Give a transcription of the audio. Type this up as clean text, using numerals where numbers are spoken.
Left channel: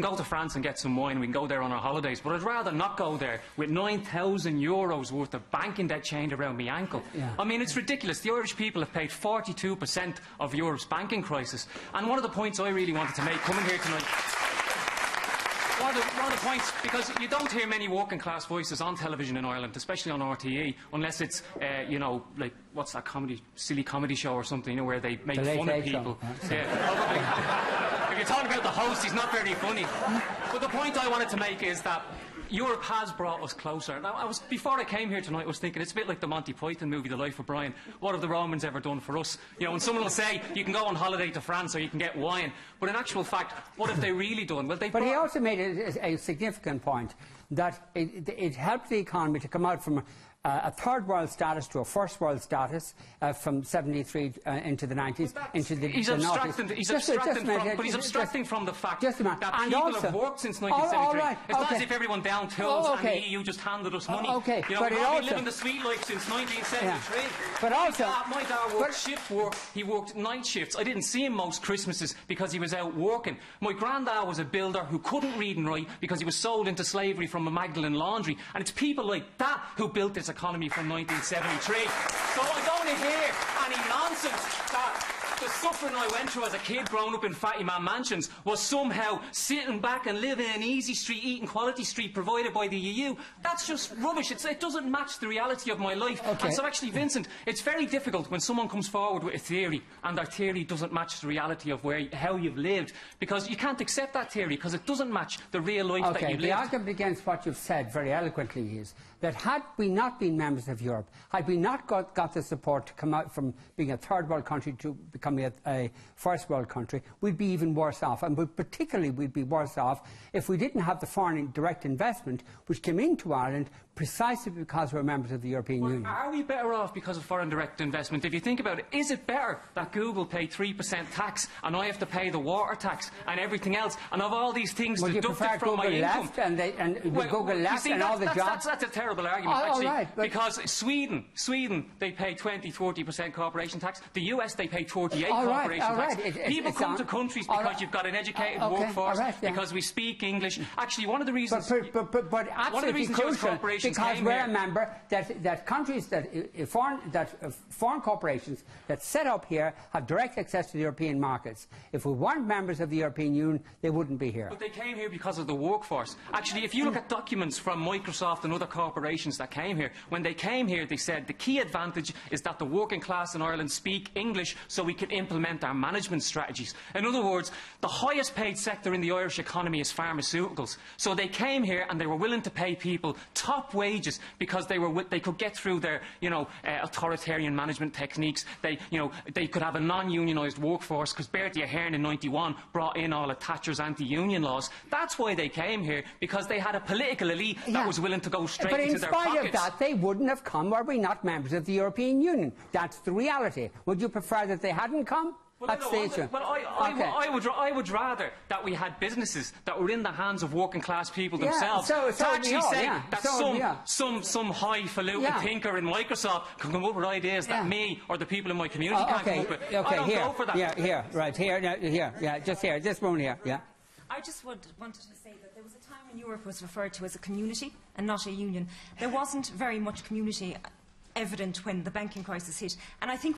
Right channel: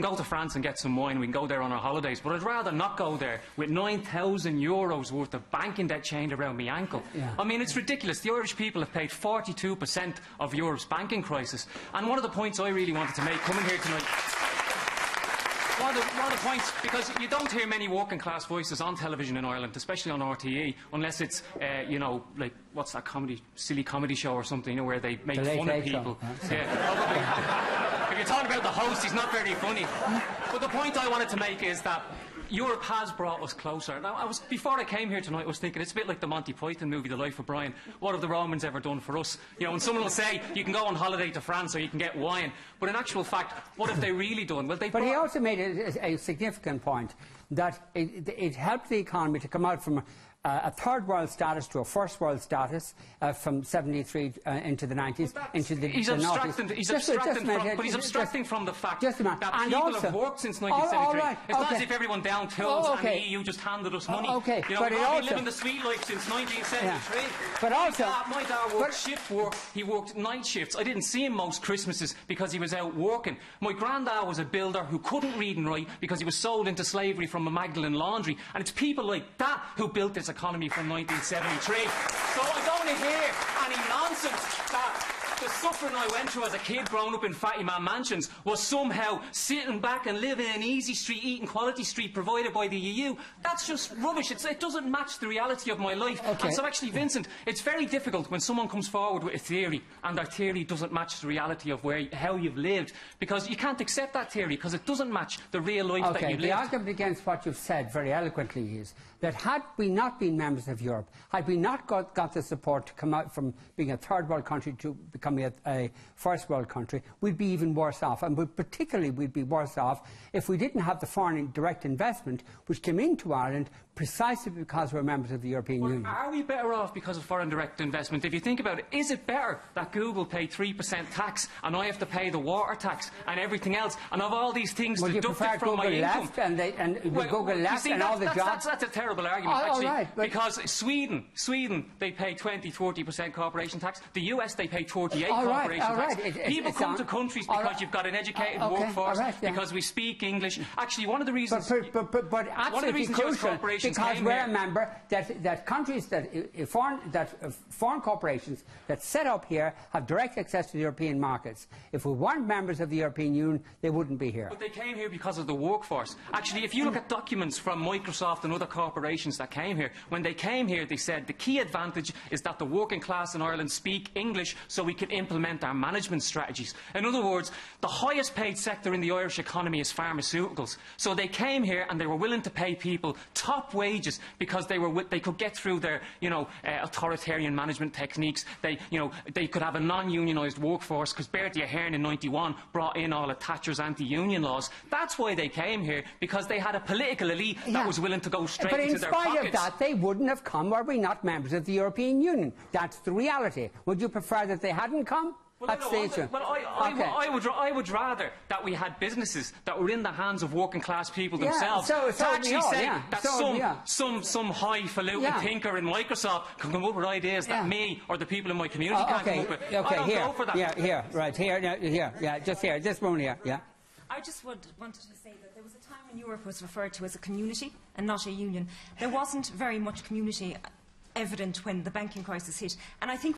can go to France and get some wine, we can go there on our holidays, but I'd rather not go there with €9,000 worth of banking debt chained around my ankle. Yeah. I mean, it's ridiculous. The Irish people have paid 42% of Europe's banking crisis. And one of the points I really wanted to make coming here tonight, one of the points, because you don't hear many working class voices on television in Ireland, especially on RTE, unless it's, you know, like, what's that silly comedy show or something, you know, where they make fun of people. Yeah, probably. If you're talking about the host, he's not very funny. But the point I wanted to make is that Europe has brought us closer. Now, before I came here tonight, I was thinking, it's a bit like the Monty Python movie, The Life of Brian. What have the Romans ever done for us? You know, and someone will say, you can go on holiday to France or you can get wine. But in actual fact, what have they really done? Well, but he also made a significant point, that it helped the economy to come out from a third world status to a first world status from 73 into the 90s, into the noughties. He's abstracting from the fact that people have worked since 1973. It's not as if everyone down tools and the EU just handed us money. You know, we've been living the sweet life since 1973. But also, my dad worked shift work. He worked night shifts. I didn't see him most Christmases because he was out working. My granddad was a builder who couldn't read and write because he was sold into slavery from a Magdalen laundry. And it's people like that who built this economy from 1973. So I don't want to hear any nonsense that the suffering I went through as a kid growing up in fatty man mansions was somehow sitting back and living in easy street, eating quality street provided by the EU. That's just rubbish. It doesn't match the reality of my life. And so actually, Vincent, it's very difficult when someone comes forward with a theory and their theory doesn't match the reality of how you've lived, because you can't accept that theory because it doesn't match the real life that you've lived. The argument against what you've said very eloquently is that had we not been members of Europe, had we not got the support to come out from being a third world country to becoming a first world country, we'd be even worse off. And particularly we'd be worse off if we didn't have the foreign direct investment which came into Ireland precisely because we're members of the European Union. Are we better off because of foreign direct investment? If you think about it, is it better that Google pay 3% tax and I have to pay the water tax and everything else, and of all these things deducted from my income? Google left and all the jobs? That's a terrible argument, actually, because Sweden, they pay 20-40% corporation tax. The US, they pay 48% corporation tax. People come to countries because you've got an educated workforce, because we speak English. Actually, one of the reasons... But absolutely crucial, because we're a member, that countries, foreign corporations that set up here have direct access to the European markets. If we weren't members of the European Union, they wouldn't be here. But they came here because of the workforce. Actually, if you look at documents from Microsoft and other corporations that came here, when they came here, they said the key advantage is that the working class in Ireland speak English so we can implement our management strategies. In other words, the highest paid sector in the Irish economy is pharmaceuticals. So they came here and they were willing to pay people top wages because they could get through their, authoritarian management techniques. They could have a non-unionised workforce because Bertie Ahern in '91 brought in all of Thatcher's anti-union laws. That's why they came here, because they had a political elite that was willing to go straight into their pockets. But in spite of that, they wouldn't have come were we not members of the European Union. That's the reality. Would you prefer that they hadn't come? I would rather that we had businesses that were in the hands of working class people themselves. Some highfalutin thinker in Microsoft can come up with ideas that me or the people in my community can't come up with. I don't go for that. This moment here, I just wanted to say that there was a time when Europe was referred to as a community and not a union. There wasn't very much community evident when the banking crisis hit, and I think